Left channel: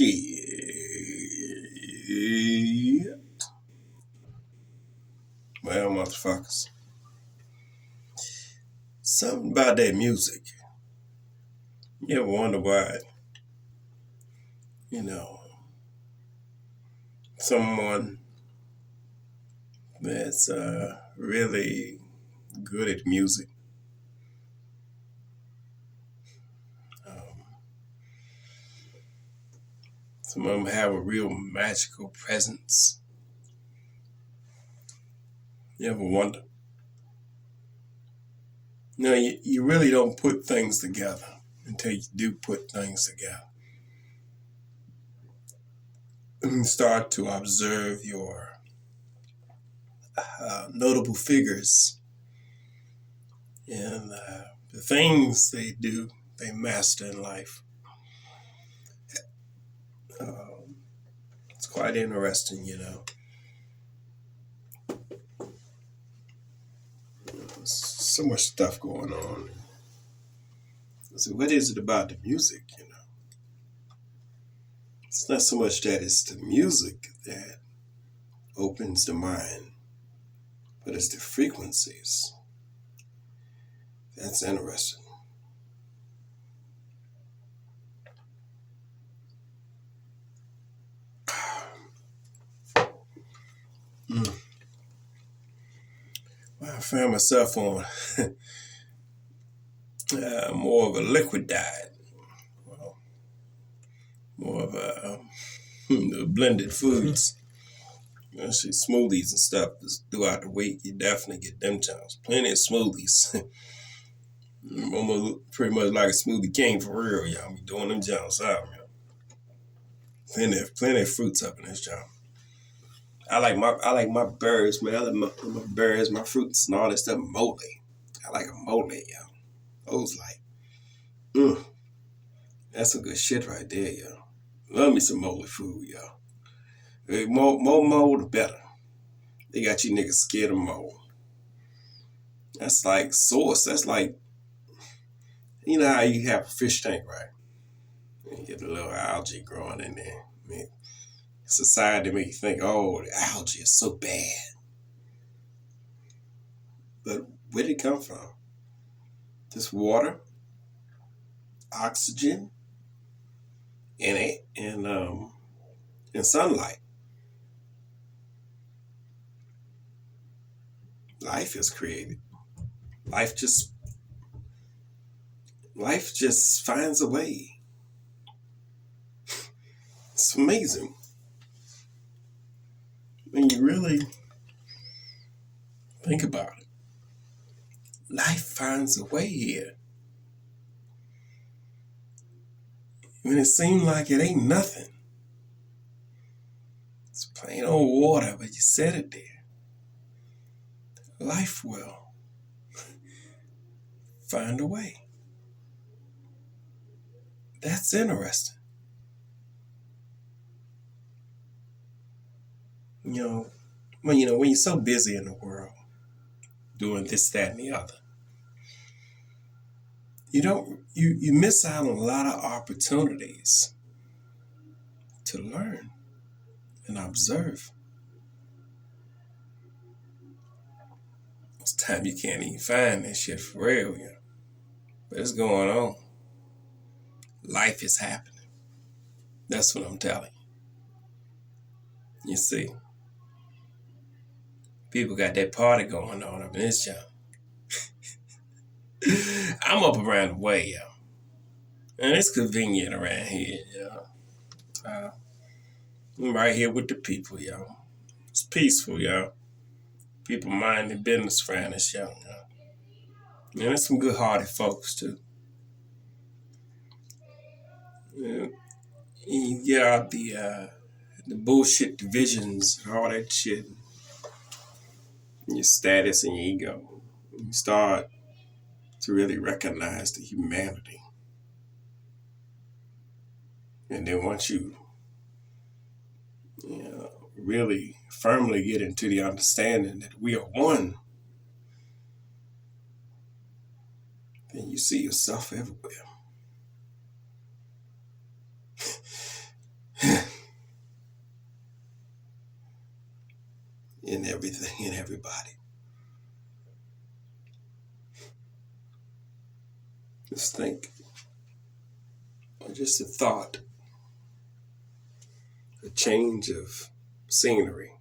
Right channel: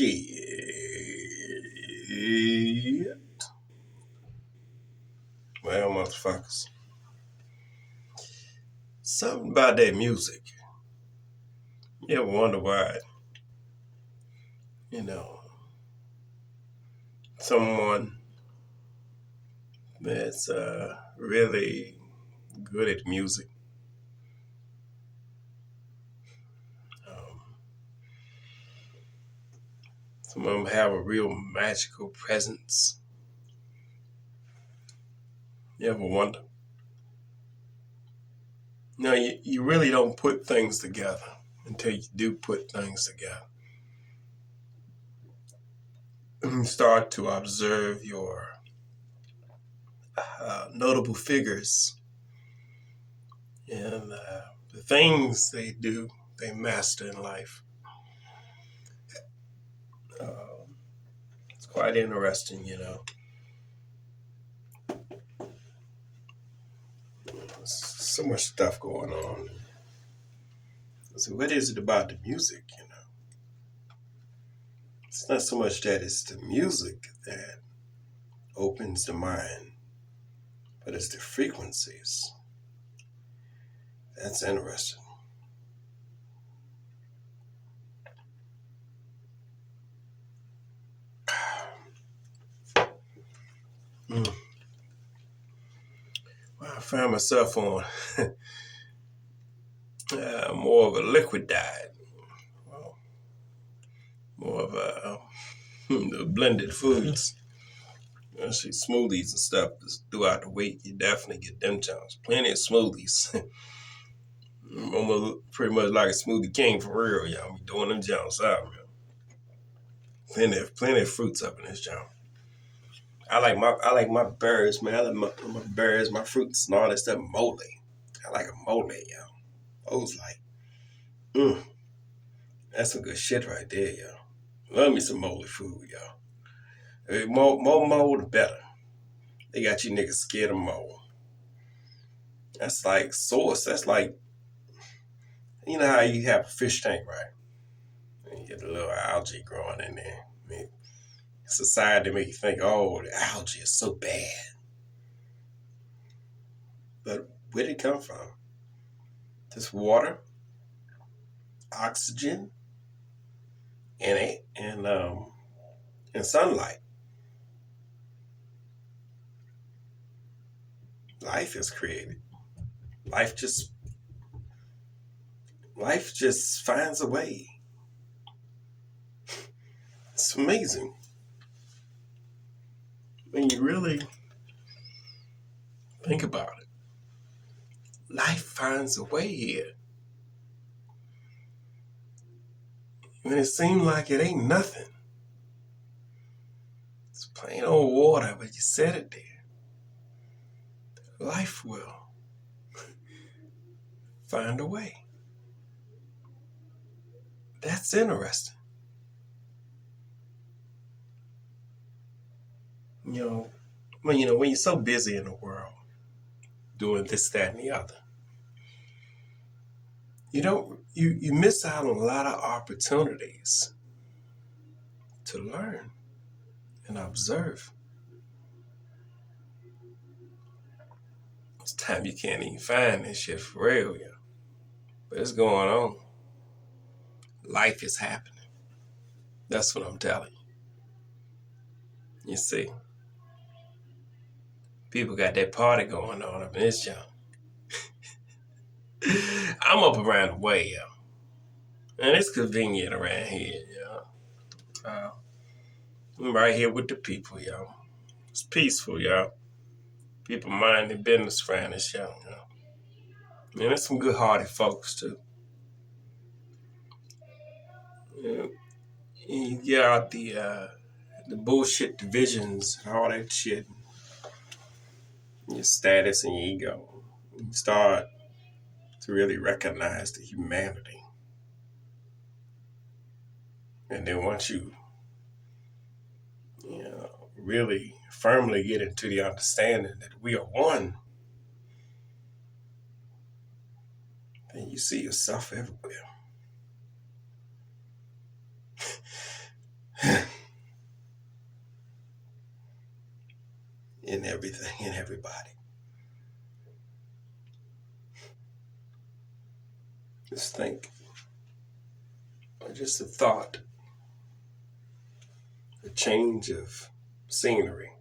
Shit. Well, motherfuckers. Something about that music. You ever wonder why, you know, someone that's really good at music, um, some of them have a real magical presence. You ever wonder? No, you really don't put things together until you do put things together. And start to observe your notable figures and the things they do, they master in life. Um, it's quite interesting, you know. So much stuff going on. So what is it about the music, you know? It's not so much that it's the music that opens the mind, but it's the frequencies. That's interesting. Mm. Well, I found myself on more of a liquid diet, well, more of a blended foods. See, smoothies and stuff is throughout the week. You definitely get them times. Plenty of smoothies. I'm almost pretty much like a smoothie king for real, y'all. Be doing them jumps out, man. Plenty of fruits up in this jump. I like my berries, man. I like my berries, my fruits, and all that stuff. Mole. I like a mole, y'all. Those like, mm, that's some good shit right there, y'all. Love me some mole food, y'all. More mole, the better. They got you niggas scared of mole. That's like sauce. That's like, you know how you have a fish tank, right? And you get a little algae growing in there. I mean, society make you think, oh, the algae is so bad. But where did it come from? Just water, oxygen, and sunlight. Life is created. Life just life just finds a way. It's amazing when you really think about it. Life finds a way here. When it seems like it ain't nothing. It's plain old water, but you set it there. Life will find a way. That's interesting. You know, when you're so busy in the world doing this, that, and the other, you miss out on a lot of opportunities to learn and observe. It's time you can't even find that shit for real, yeah. But it's going on. Life is happening. That's what I'm telling you. You see, people got that party going on up in this joint. I'm up around the way, yo. And it's convenient around here, yo. I'm right here with the people, yo. It's peaceful, yo. People mind their business around this, yo. And there's some good-hearted folks, too. Yeah. You get out the bullshit divisions and all that shit, your status and your ego. You start to really recognize the humanity. And then once really firmly get into the understanding that we are one, then you see yourself everywhere. in everything and everybody. Just think, or just a thought, a change of scenery,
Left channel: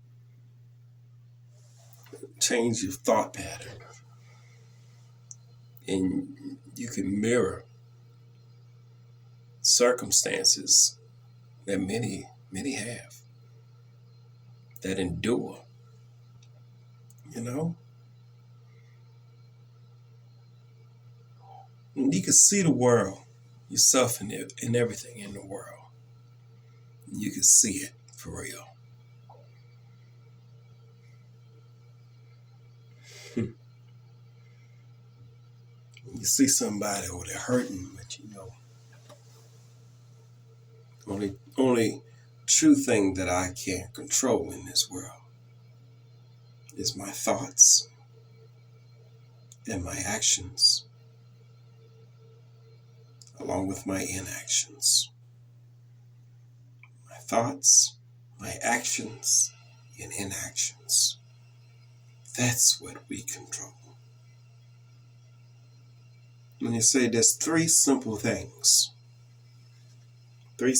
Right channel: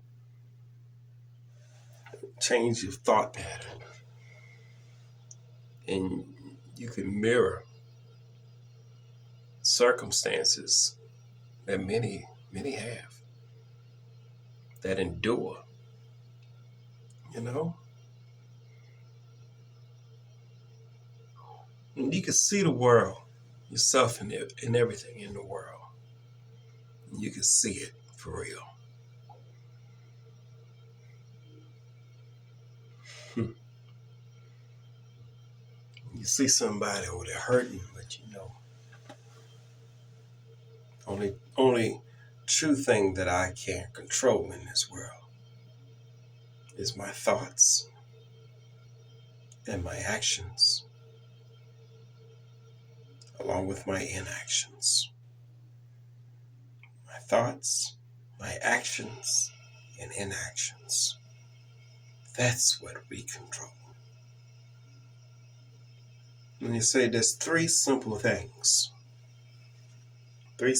change your thought pattern, and you can mirror circumstances that many have, that endure, you know? And you can see the world, yourself in everything in the world. You can see it for real. You see somebody over there hurting, but only true thing that I can't control in this world is my thoughts and my actions, along with my inactions. My thoughts, my actions, and inactions. That's what we control. When you say there's three simple things that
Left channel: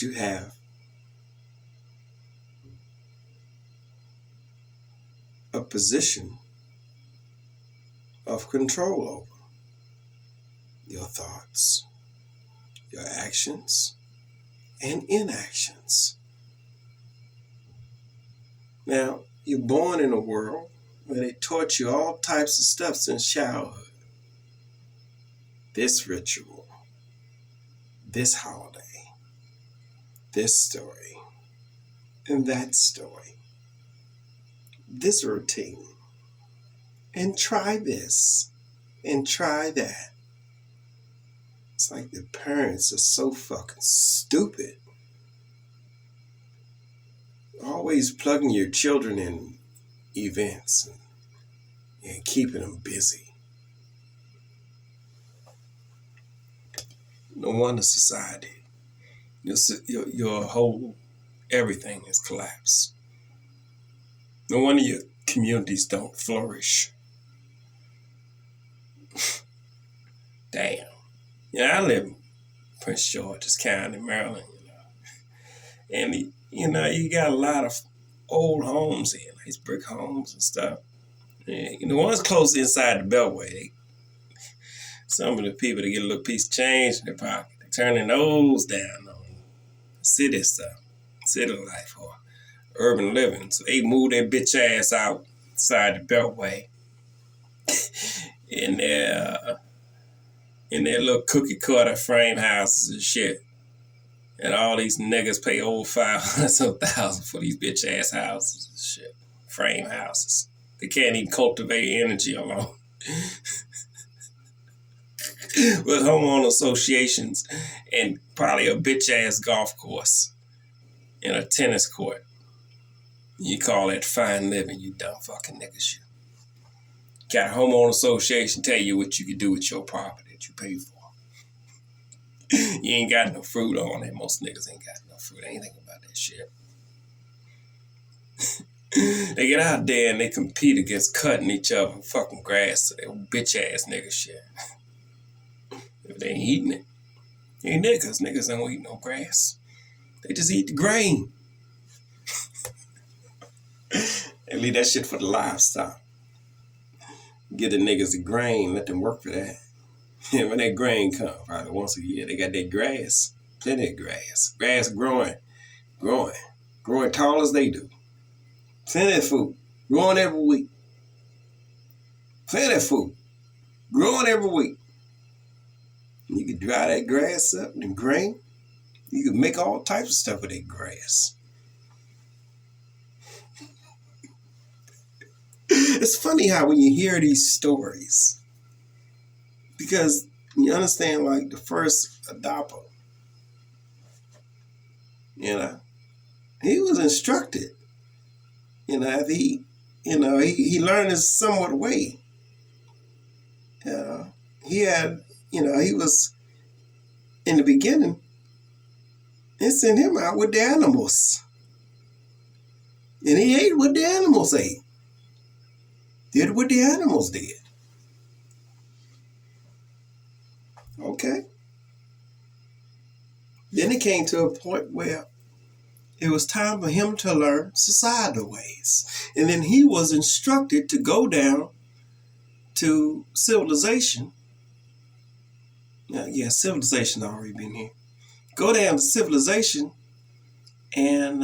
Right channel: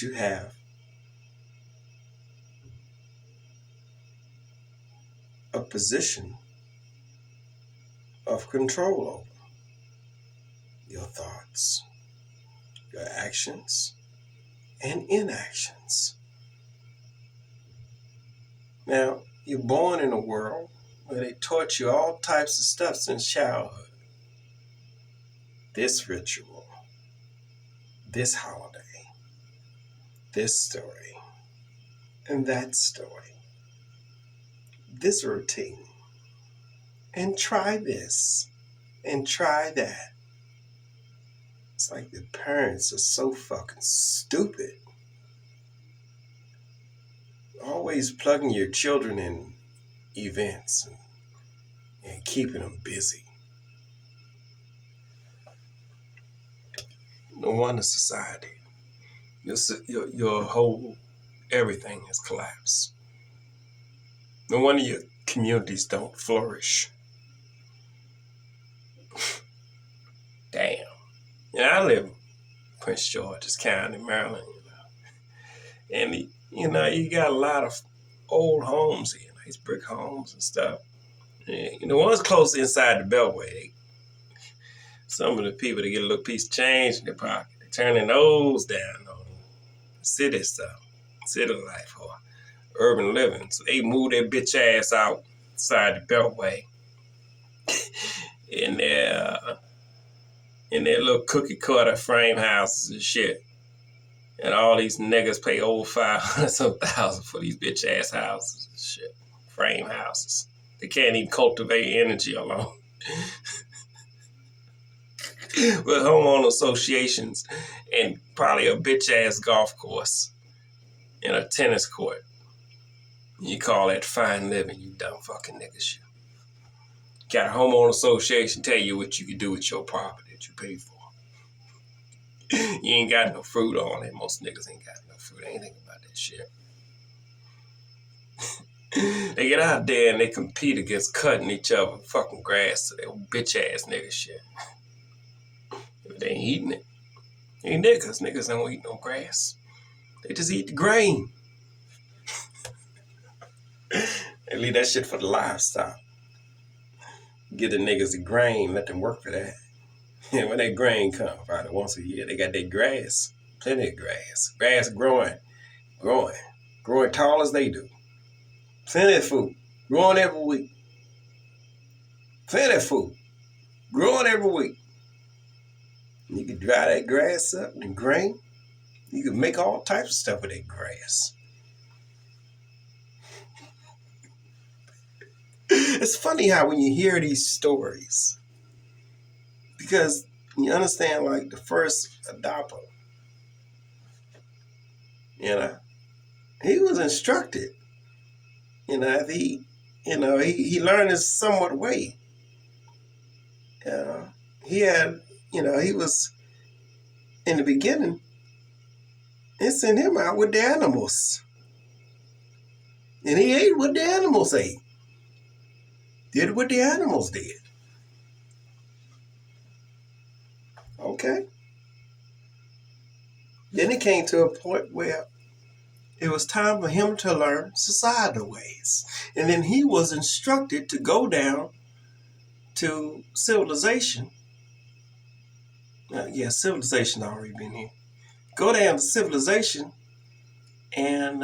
you have a position of control over: your thoughts, your actions, and inactions. Now, you're born in a world where they taught you all types of stuff since childhood. This ritual, this holiday, this story, and that story, this routine, and try this, and try that. It's like the parents are so fucking stupid. Always plugging your children in events and keeping them busy. No wonder society, your whole everything has collapsed. No wonder your communities don't flourish. Damn. I live in Prince George's County, Maryland, and you got a lot of old homes here, nice brick homes and stuff. And the ones close inside the Beltway, some of the people, they get a little piece of change in their pocket. They turn their nose down on city stuff, city life, or urban living. So they move their bitch ass outside the Beltway in their little cookie cutter frame houses and shit. And all these niggas pay over $500,000 for these bitch ass houses and shit. Frame houses. They can't even cultivate energy alone. With homeowner associations and probably a bitch ass golf course and a tennis court. You call that fine living, you dumb fucking niggas. You got a homeowner association tell you what you can do with your property that you pay for. You ain't got no fruit on it. Most niggas ain't got no fruit. They ain't thinking about that shit. They get out there and they compete against cutting each other fucking grass to their bitch ass nigga shit. If they ain't eating it. Ain't niggas. Niggas don't eat no grass. They just eat the grain. They leave that shit for the livestock. Give the niggas the grain, let them work for that. And when that grain comes, probably once a year, they got that grass. Plenty of grass. Grass growing tall as they do. Plenty of food. Growing every week. Plenty of food. Growing every week. You can dry that grass up and grain. You can make all types of stuff with that grass. It's funny how when you hear these stories, because you understand, like the first adopter, he was instructed. He learned his somewhat way. He had, he was in the beginning, and sent him out with the animals. And he ate what the animals ate. Did what the animals did. Okay. Then it came to a point where it was time for him to learn societal ways. And then he was instructed to go down to civilization. Civilization already been here. Go down to civilization and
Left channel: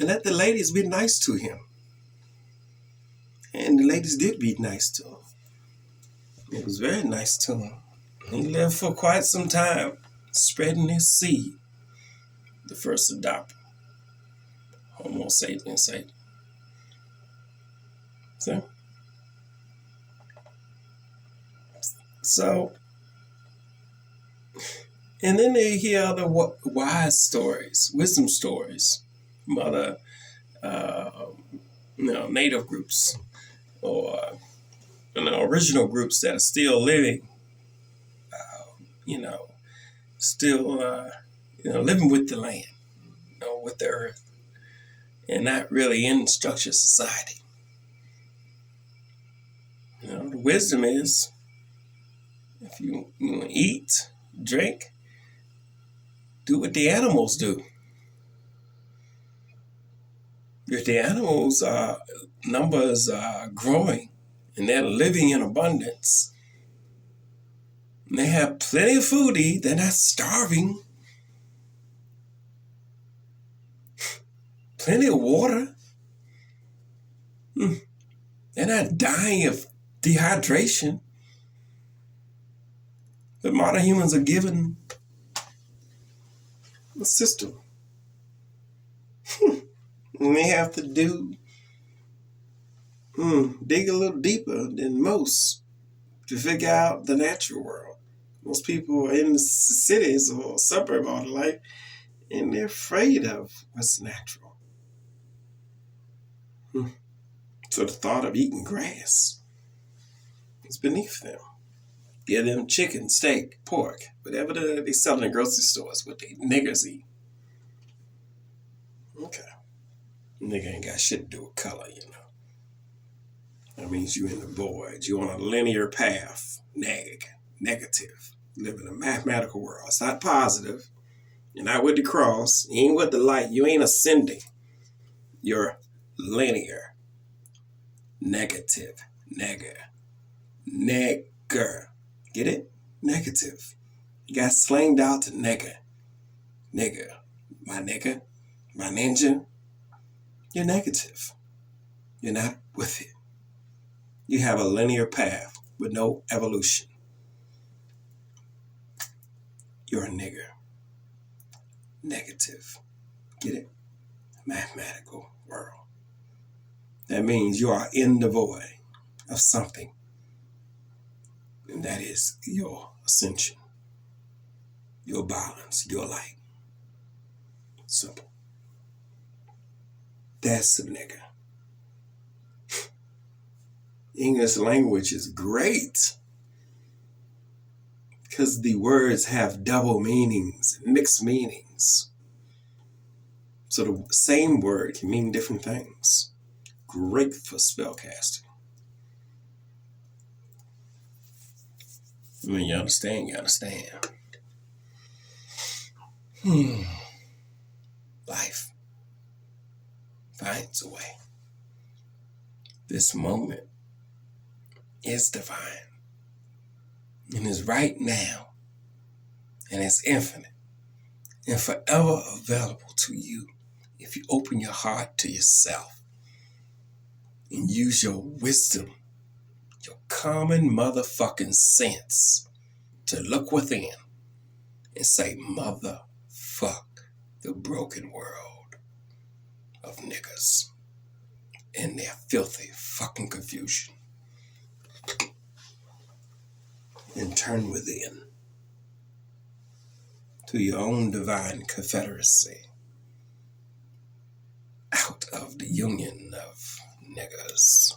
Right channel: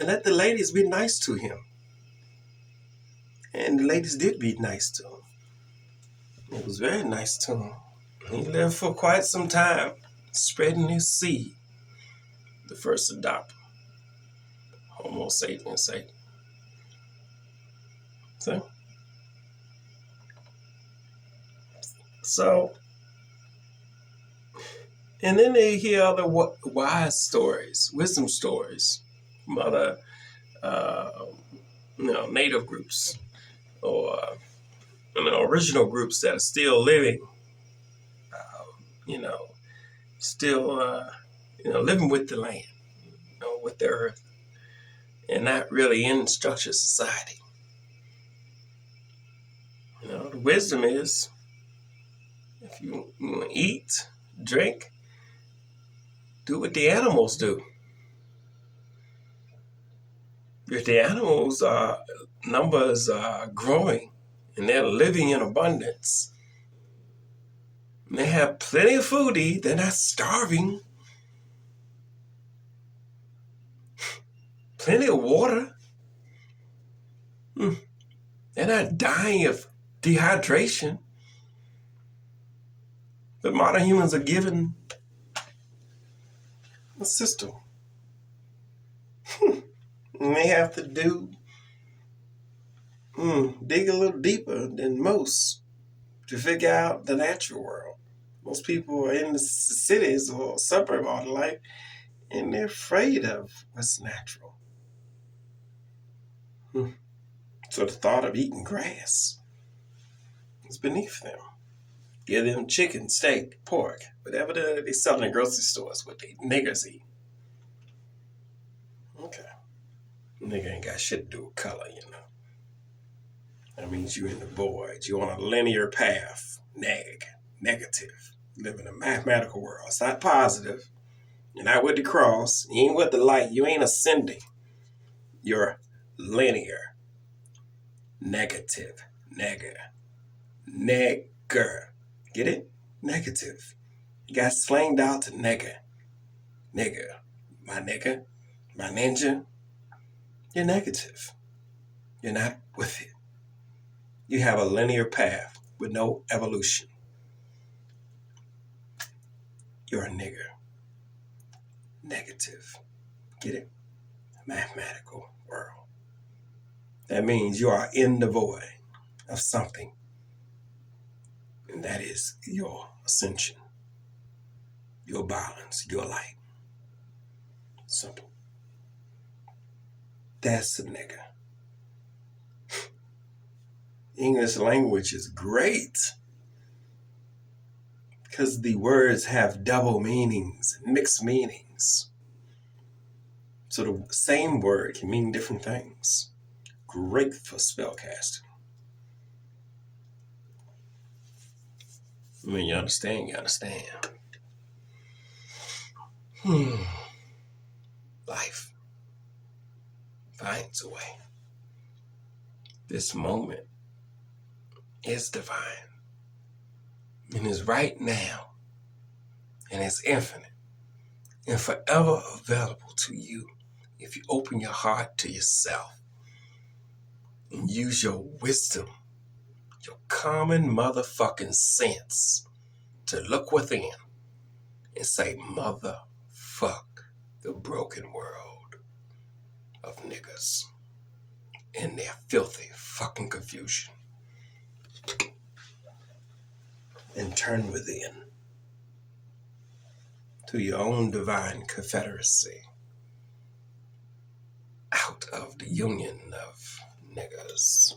let the ladies be nice to him. And the ladies did be nice to him. It was very nice to him. He lived for quite some time, spreading his seed. The first adopter, Homo sapiens sapiens. So, and then they hear other wise stories, wisdom stories from other, native groups or original groups that are still living, still, living with the land, with the earth, and not really in structured society. The wisdom is, if you eat, drink, do what the animals do. If the animals numbers are growing and they're living in abundance, and they have plenty of food to eat, they're not starving, plenty of water, they're not dying of dehydration. But modern humans are given a system. And they have to dig a little deeper than most to figure out the natural world. Most people are in the cities or suburb all their life, and they're afraid of what's natural. So the thought of eating grass is beneath them. Give them chicken, steak, pork, whatever they sell in grocery stores, what they niggers eat. Okay. Nigga ain't got shit to do with color, That means you in the void. You on a linear path. Negative. Live in a mathematical world. It's not positive. You're not with the cross. You ain't with the light. You ain't ascending. You're linear. Negative. Nigger. Get it? Negative. You got slanged out to nigger. Nigger. My nigger. My ninja. You're negative. You're not with it. You have a linear path with no evolution. You're a nigger. Negative. Get it? Mathematical world. That means you are in the void of something. And that is your ascension, your balance, your light. Simple. That's a nigga. English language is great because the words have double meanings, mixed meanings. So the same word can mean different things. Great for spellcasting. When you understand, you understand. Life finds a way. This moment is divine and is right now and it's infinite and forever available to you if you open your heart to yourself and use your wisdom, your common motherfucking sense to look within and say, motherfuck the broken world of niggas and their filthy fucking confusion. And turn within to your own divine confederacy out of the union of niggas.